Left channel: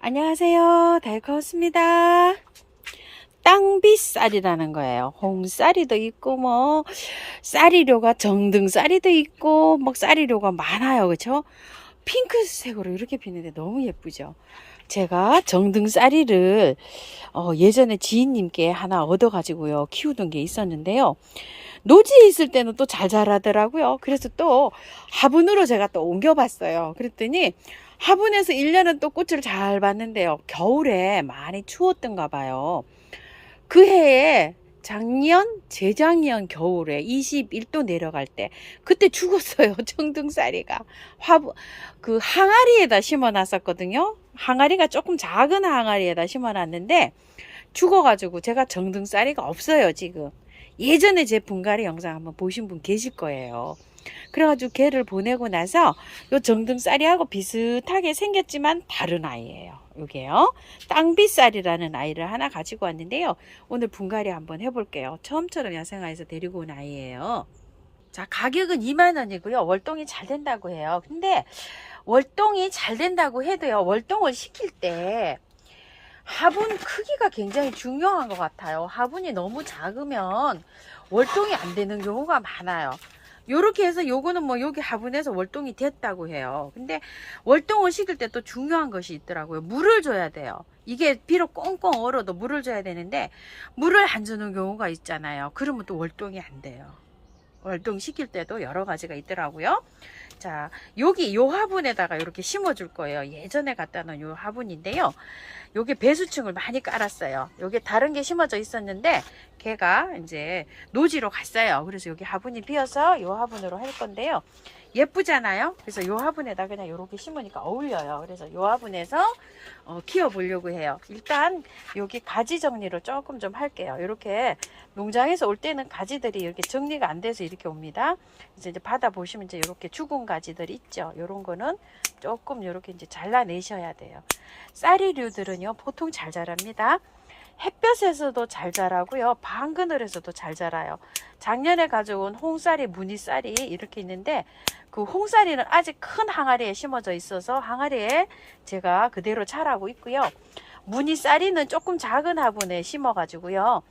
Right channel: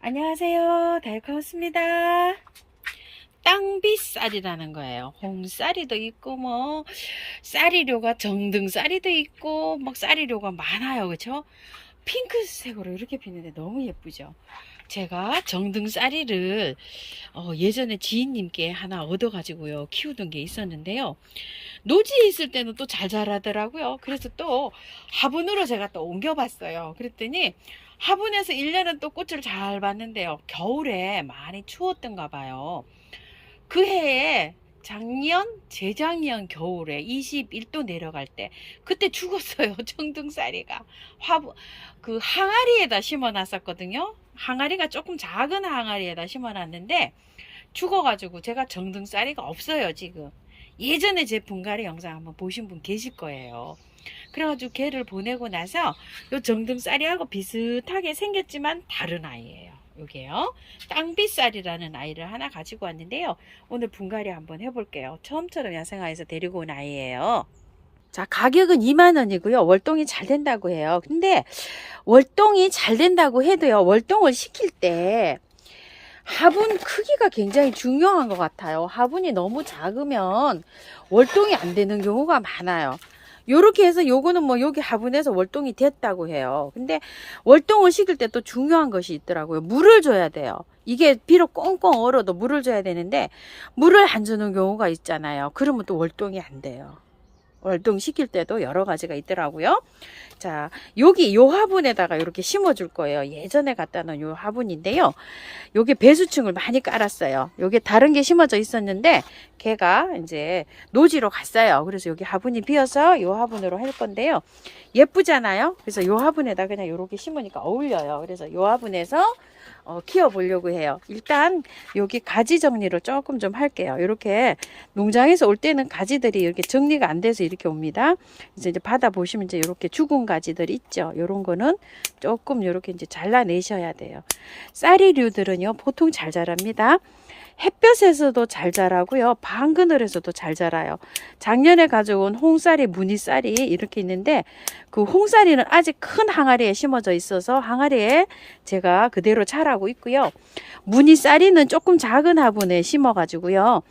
안녕하세요. 달커스입니다. 땅비쌀이라는 거예요. 홍쌀이도 있고 뭐 쌀이료가 정등쌀이도 있고 뭐 쌀이료가 많아요. 그쵸? 핑크색으로 이렇게 피는데 너무 예쁘죠. 제가 정등쌀이를 예전에 지인님께 하나 얻어가지고요 키우던 게 있었는데요. 노지에 있을 때는 또 잘 자라더라고요. 그래서 또 화분으로 제가 또 옮겨봤어요. 그랬더니 화분에서 1년은 또 꽃을 잘 봤는데요. 겨울에 많이 추웠던가 봐요. 그 해에 작년, 재작년 겨울에 21도 내려갈 때 그때 죽었어요. 정등쌀이가 그 항아리에다 심어 놨었거든요. 항아리가 조금 작은 항아리에다 심어 놨는데 죽어가지고 제가 정등쌀이가 없어요 지금. 예전에 제 분갈이 영상 한번 보신 분 계실 거예요. 그래가지고 걔를 보내고 나서 요 정등쌀이하고 비슷하게 생겼지만 다른 아이예요. 요게요. 땅비쌀이라는 아이를 하나 가지고 왔는데요. 오늘 분갈이 한번 해볼게요. 처음처럼 야생화에서 데리고 온 아이예요. 자, 가격은 2만원이고요. 월동이 잘 된다고 해요. 근데 월동이 잘 된다고 해도요. 월동을 시킬 때 화분 크기가 굉장히 중요한 것 같아요. 화분이 너무 작으면 월동이 안 되는 경우가 많아요. 요렇게 해서 요거는 뭐 여기 화분에서 월동이 됐다고 해요. 근데 월동을 시킬 때 또 중요한 것이 있더라고요. 물을 줘야 돼요. 이게 비록 꽁꽁 얼어도 물을 줘야 되는데 물을 안 주는 경우가 있잖아요. 그러면 또 월동이 안 돼요. 월동 시킬 때도 여러 가지가 있더라고요. 자, 여기 요 화분에다가 이렇게 심어 줄 거예요. 예전에 갖다 놓은 요 화분인데요. 요게 배수층을 많이 깔았어요. 요게 다른 게 심어져 있었는데 걔가 이제 노지로 갔어요. 그래서 여기 화분이 비어서 요 화분으로 할 건데요. 예쁘잖아요. 그래서 요 화분에다 그냥 요렇게 심으니까 어울려요. 그래서 요 화분에서 키워 보려고 해요. 일단 여기 가지 정리를 조금 좀 할게요. 이렇게 농장에서 올 때는 가지들이 이렇게 정리가 안 돼서 이렇게 옵니다. 이제 받아 보시면 이제 이렇게 죽은 가지들 있죠. 이런 거는 조금 이렇게 이제 잘라내셔야 돼요. 쌀이류들은요 보통 잘 자랍니다. 햇볕에서도 잘 자라고요. 방그늘에서도 잘 자라요. 작년에 가져온 홍쌀이, 무늬쌀이 이렇게 있는데 그 홍쌀이는 아직 큰 항아리에 심어져 있어서 항아리에 제가 그대로 자라고 있고요. 무늬쌀이는 조금 작은 화분에 심어 가지고요.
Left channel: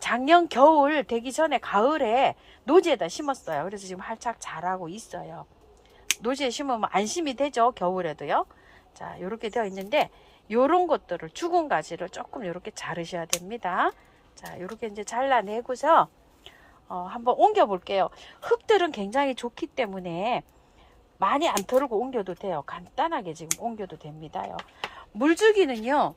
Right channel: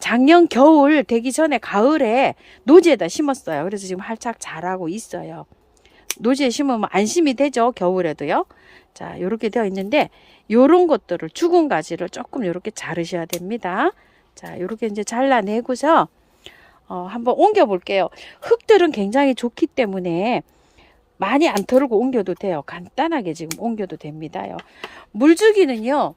작년 겨울 되기 전에 가을에 노지에다 심었어요. 그래서 지금 활짝 자라고 있어요. 노지에 심으면 안심이 되죠. 겨울에도요. 자, 이렇게 되어 있는데 요런 것들을 죽은 가지를 조금 이렇게 자르셔야 됩니다. 자, 이렇게 이제 잘라내고서 한번 옮겨 볼게요. 흙들은 굉장히 좋기 때문에 많이 안 털고 옮겨도 돼요. 간단하게 지금 옮겨도 됩니다요. 물주기는요.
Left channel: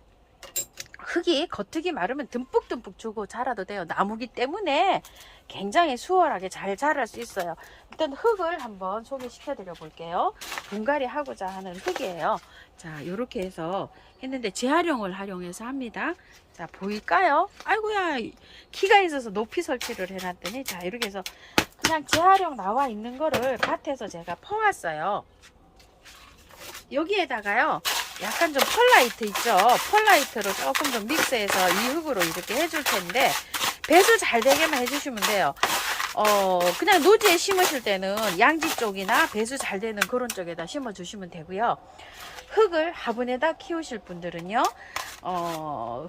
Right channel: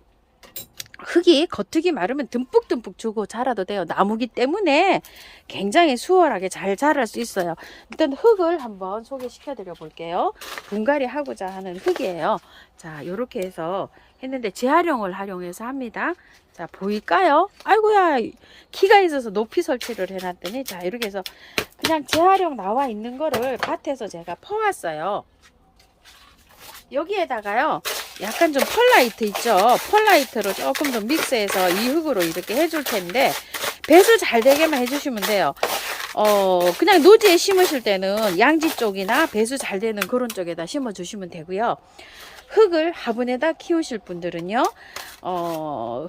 흙이 겉흙이 마르면 듬뿍듬뿍 주고 자라도 돼요. 나무기 때문에 굉장히 수월하게 잘 자랄 수 있어요. 일단 흙을 한번 소개시켜 드려 볼게요. 분갈이 하고자 하는 흙이에요. 자, 이렇게 해서 했는데 재활용을 활용해서 합니다. 자, 보일까요? 아이고야, 키가 있어서 높이 설치를 해놨더니 자, 이렇게 해서 그냥 재활용 나와 있는 거를 밭에서 제가 퍼왔어요. 여기에다가요 약간 좀 펄라이트 있죠. 펄라이트로 조금 더 믹스해서 이 흙으로 이렇게 해줄 텐데 배수 잘 되게만 해주시면 돼요. 그냥 노지에 심으실 때는 양지 쪽이나 배수 잘 되는 그런 쪽에다 심어 주시면 되고요. 흙을 화분에다 키우실 분들은요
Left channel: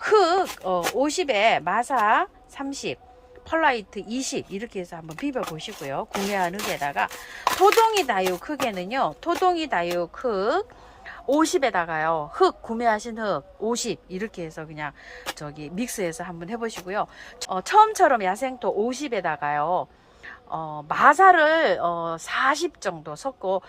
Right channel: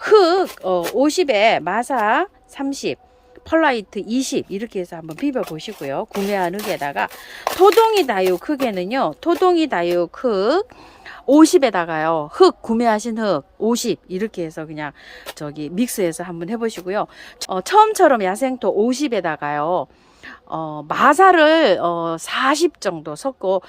흙 50에 마사 30 펄라이트 20 이렇게 해서 한번 비벼 보시고요. 구매한 흙에다가 토동이 다육 흙에는요 토동이 다육 흙 50에다가요 흙 구매하신 흙 50 이렇게 해서 그냥 저기 믹스해서 한번 해보시고요. 처음처럼 야생토 50에다가요 마사를 40 정도 섞고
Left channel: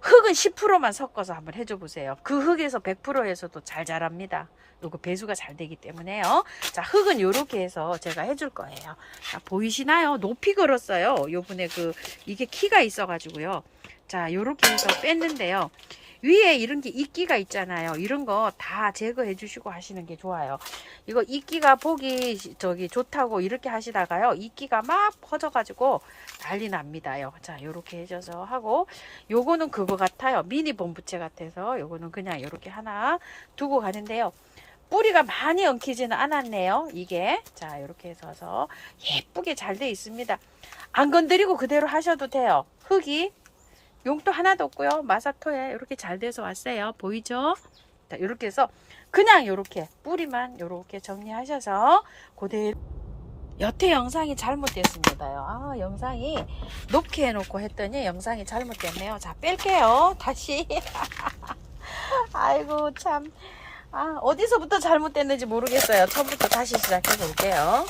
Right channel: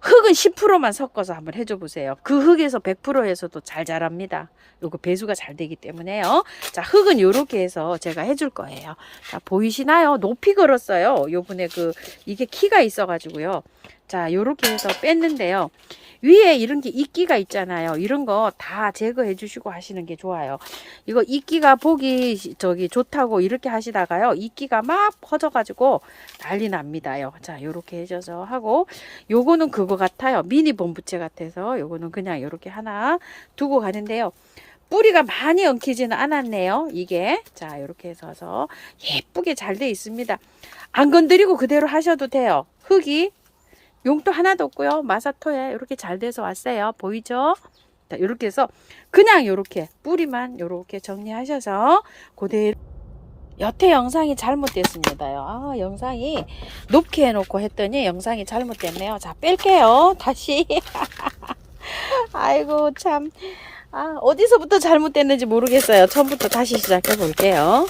흙은 10%만 섞어서 한번 해줘 보세요. 그 흙에서 100%에서도 잘 자랍니다. 요거 배수가 잘 되기 때문에요. 자, 흙은 요렇게 해서 제가 해줄 거예요. 자, 보이시나요? 높이 걸었어요. 요번에 이게 키가 있어 가지고요. 자, 요렇게 해서 뺐는데요. 위에 이런 게 이끼가 있잖아요. 이런 거 다 제거해 주시고 하시는 게 좋아요. 이거 이끼가 보기 좋다고 이렇게 하시다가요. 이끼가 막 퍼져 가지고 난리 납니다요. 자, 요렇게 해줘서 하고 요거는 그거 같아요. 미니 본부채 같아서 요거는 그냥 이렇게 하나 두고 가는데요. 뿌리가 많이 엉키지는 않았네요. 이게 자 이렇게 해서 예쁘게 잘 돼 있습니다. 안 건드리고 그대로 하셔도 돼요. 흙이 용도 하나도 없고요. 마사토에 이렇게 잘 돼서 왔어요. 보이죠? 자, 이렇게 해서 그냥 이렇게 뿌리만 이렇게 정리하셔서 그대로. 여태 영상이 잘못됐습니다요. 아, 영상이 높게 해놓고 했더니 영상이 잘못됐네요. 자, 뺄게요. 다시. 아이고 참. 아, 어디서부터 잘못됐는지 모르겠어요. 처음부터 다시 시작해 볼게요.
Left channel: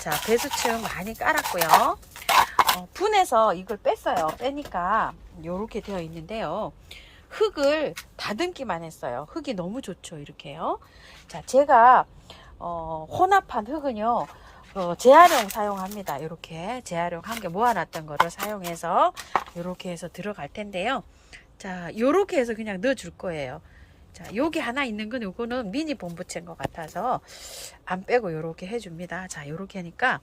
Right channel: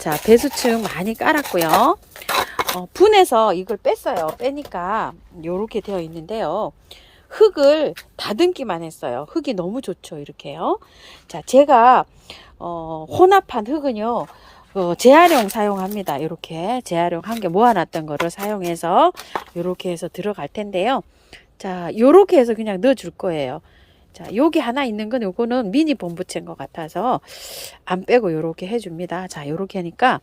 자, 배수층 많이 깔았고요. 분해서 이걸 뺐어요. 빼니까 이렇게 되어 있는데요. 흙을 다듬기만 했어요. 흙이 너무 좋죠. 이렇게요. 자, 제가 혼합한 흙은요, 재활용 사용합니다. 이렇게 재활용 한 개 모아놨던 거를 사용해서 이렇게 해서 들어갈 텐데요. 자, 이렇게 해서 그냥 넣어줄 거예요. 자, 여기 하나 있는 건 요거는 미니 본부채인 것 같아서 안 빼고 이렇게 해줍니다. 자, 이렇게 하니까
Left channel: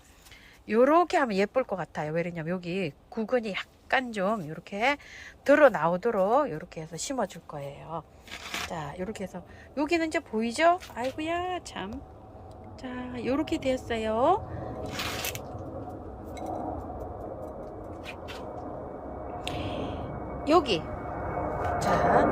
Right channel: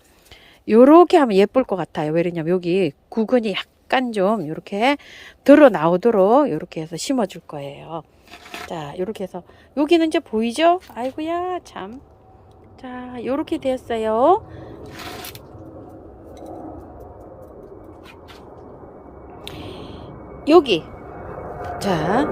요렇게 하면 예쁠 것 같아요. 왜냐면 여기 구근이 약간 좀 이렇게 드러 나오도록 이렇게 해서 심어 줄 거예요. 자, 이렇게 해서 여기는 이제 보이죠? 아이고야 참. 자, 요렇게 되었어요. 여기 자,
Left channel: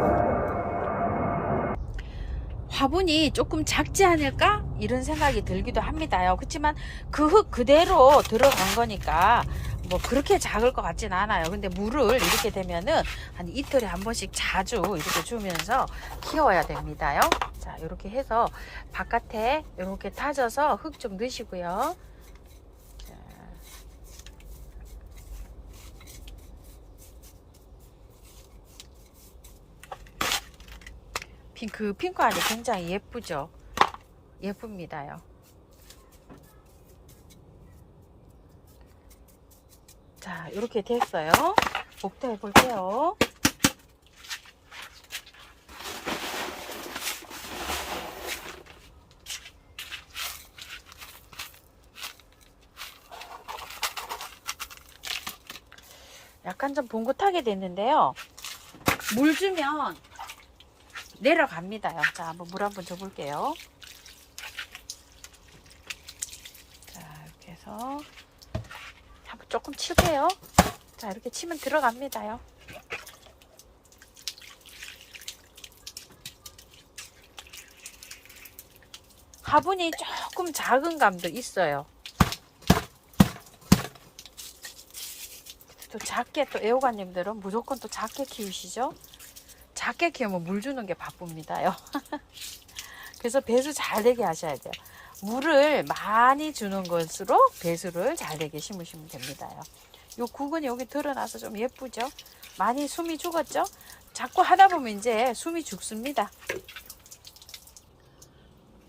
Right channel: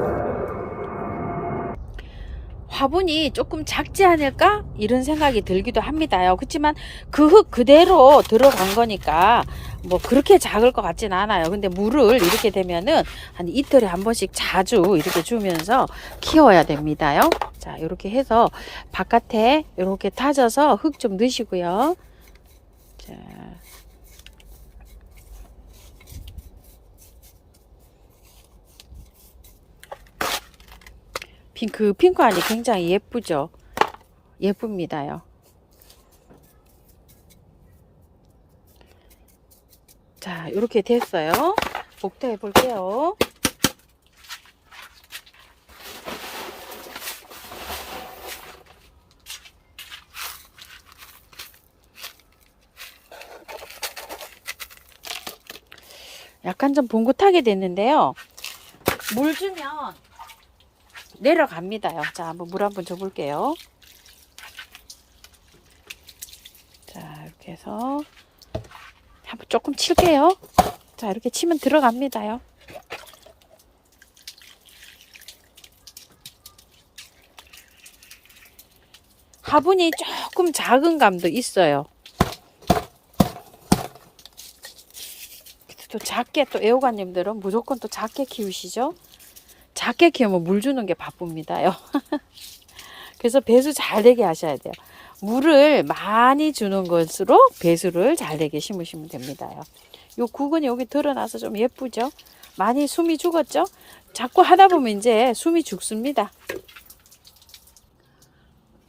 화분이 조금 작지 않을까? 이런 생각이 들기도 합니다요. 그렇지만 그 흙 그대로 들어간 거니까 뭐 그렇게 작을 것 같진 않아요. 근데 물을 이렇게 되면은 한 이틀에 한 번씩 자주 이렇게 주면서 키워야 됩니다요. 자, 이렇게 해서 바깥에 이렇게 다져서 흙 좀 넣으시고요. 자. 핑크알이 굉장히 예쁘죠. 예쁩니다요. 자, 이렇게 됐어요. 복도해 볼게요. 약간 좀 봉긋하게 됐는데요. 물 주면 내려갑니다요. 자, 한번 물 한번 줘볼게요. 자, 이렇게 해서 한번 조금 칠게요. 자, 이렇게 치면 들어갑니다요. 화분이 조금 작은 감도 있어요. 또 작게, 또 애호가님들은 무조건 또 작게 키우시죠? 작게 키우면 물 주는 게 바쁩니다요. 그래서 배수 잘 되게 하셔야 돼요. 물을 많이 주는 것으로 배수를 잘 되게 심으시면 됩니다요. 요 구근이 여기 드러나서 좀 예쁘죠? 많이 숨이 죽었죠? 자꾸 하다 보면 이제 숨이 죽습니다.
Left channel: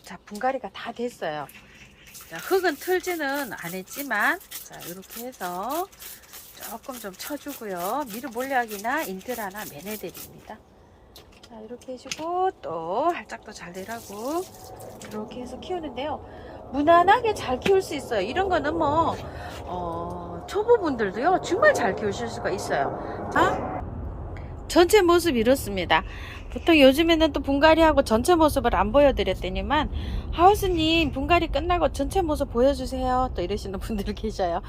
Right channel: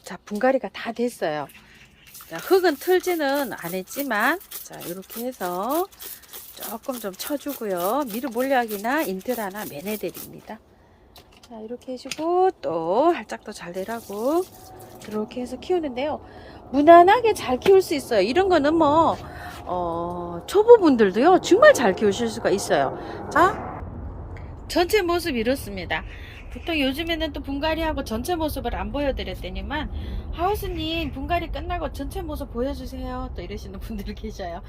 자, 분갈이가 다 됐어요. 자, 흙은 틀지는 않았지만, 자, 이렇게 해서 조금 좀 쳐주고요. 미루 몰약이나 인트라나 메네델입니다. 자, 이렇게 해주고 또 살짝 더 잘 내라고 이렇게 해서 키우는데요. 무난하게 잘 키울 수 있어요. 이런 거는 뭐 초보분들도요 정말 잘 키우실 수가 있어요. 전체 모습 이렇습니다. 보통 요즘에는 또 분갈이하고 전체 모습을 안 보여드렸더니만 하우스님 분갈이 끝나고 전체 모습 보여주세요 또 이러시는 분들 계셔요.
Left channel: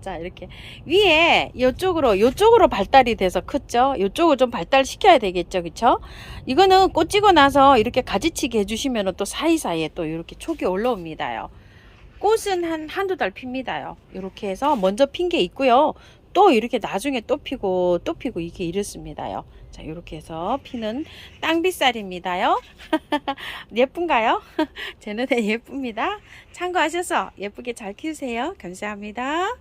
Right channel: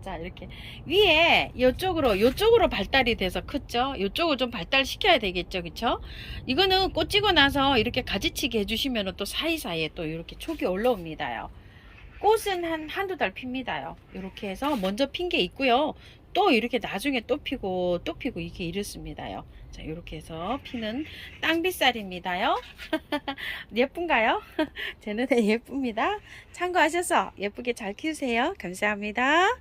자, 이렇게 위에 요쪽으로 발달이 돼서 컸죠. 요쪽을 좀 발달시켜야 되겠죠. 그쵸? 이거는 꽃 지고 나서 이렇게 가지치기 해주시면 또 사이사이에 또 이렇게 촉이 올라옵니다요. 꽃은 한두 달 핍니다요. 이렇게 해서 먼저 핀 게 있고요. 또 이렇게 나중에 또 피고 또 피고 이게 이렇습니다요. 자, 이렇게 해서 피는 땅빗살입니다요. 예쁜가요? 제 눈에 예쁩니다. 참고하셔서 예쁘게 잘 키우세요. 감사합니다.